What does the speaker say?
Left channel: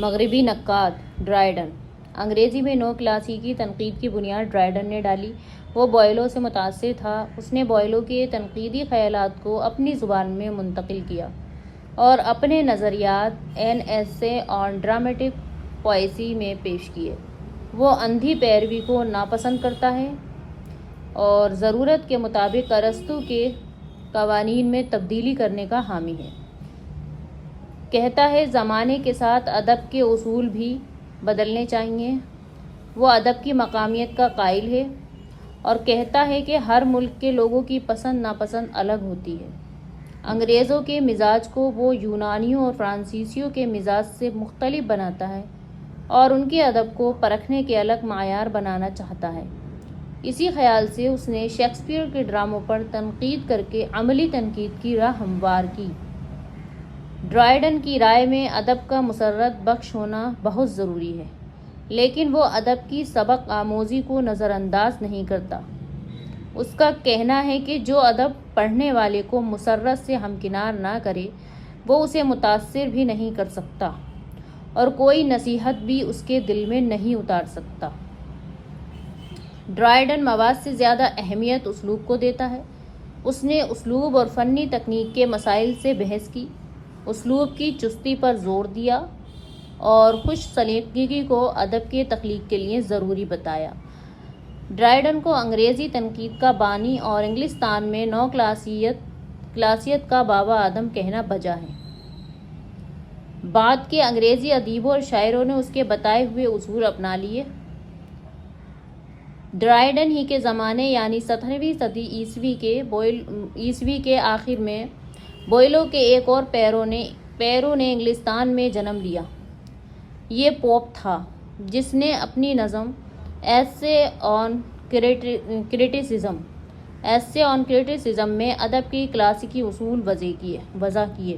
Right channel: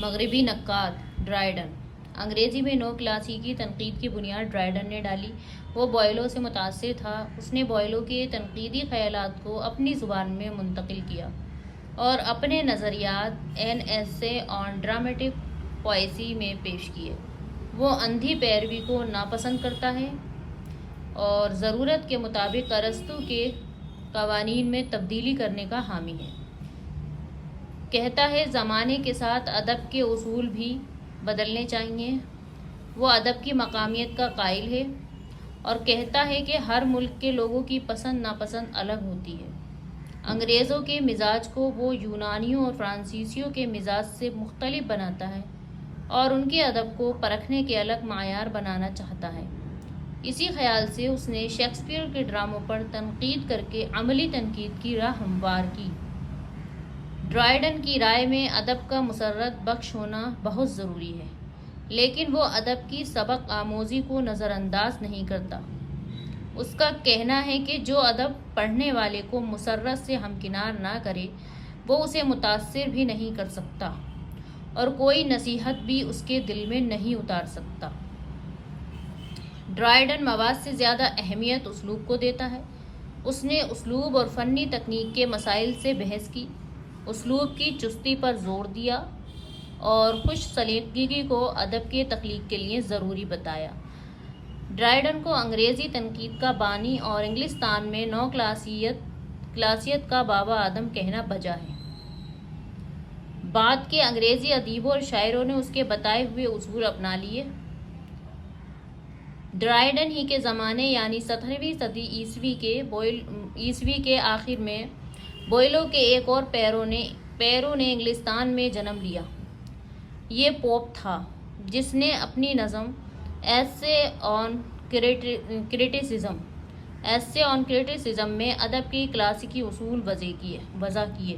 مغربی نقاد ڈرائیڈن۔ انگریزی میں نو کلاسیکی تنقید کی بنیاد ڈرائیڈن نے ڈالی۔ وہ بوئلو سے متاثر تھا۔ اس نے بوئلو کے تنقیدی خیالات کو اپنی زبان میں منتقل کیا اور اپنے نظریات این ایسے آن ڈرامٹک پوئٹری میں پیش کیے۔ وہ اندھی پیروی کو ناپسند کرتا ہے اور ضرورت کے مطابق ارسطو کے قوانین میں تبدیلی کرنے کا حامی ہے۔ کہتا ہے زمانے کے ساتھ ادب کے اصول بھی بدلنے چاہیے۔ وہ ادب کی مقامیت کا قائل ہے اور کہتا ہے کہ ہر ملک کے لوگوں کی پسند ناپسند الگ ہوتی ہے۔ انگریزوں کے مزاج کو وہ یونانیوں اور فرانسیسیوں کے مزاج سے مختلف بناتا ہے اور ان کے ادب کو پرکھنے کے الگ معیار بنانا چاہتا ہے۔ اسی خیال سے اس نے شیکسپیئر کے ڈراموں پر تنقید کر کے عملی تنقید کی راہ ہموار کی۔ ڈرائیڈن کی رائے میں ادب کا مسرت بخش ہونا بہت ضروری ہے، لیکن وہ ادب کی سبق آموزی کو نظر انداز نہیں کرتا۔ اس کا کہنا ہے کہ جو ادب پڑھنے والے کو مسرت سے ہمکنار نہ کرے وہ اسے متاثر بھی نہیں کر سکتا اور کوئی نصیحت بھی اس کے دل میں نہیں اتار سکتا۔ ڈرائیڈن مواد سے زیادہ اہمیت اسلوب کو دیتا ہے۔ اس نے اسلوب اور فنی تکنیک کے مسائل سے بحث کی، اسلوب کی چستی پر زور دیا اور خوش سلیقگی کو ادب کے تخلیق کے لیے ضروری بتایا۔ ڈرائیڈن کو انگریزی تنقید کا بانی اور انگلستان میں نو کلاسیت کا بابا آدم کہنا بجا ہے۔ بعد کے انگریزی ادیبوں اور شاعروں نے اس کے بتائے ہوئے اصول اپنا لیے۔ ڈرائیڈن ہی کے زمانے یعنی 17ویں صدی عیسوی کے آخر میں بوئلو کے ایک اور پیرو نے انگلستان میں جنم لیا۔ یہ پوپ تھا جس نے اپنی نظم ایسے آن کریٹیسزم میں ادب کے کلاسیکی اصول وضع کیے۔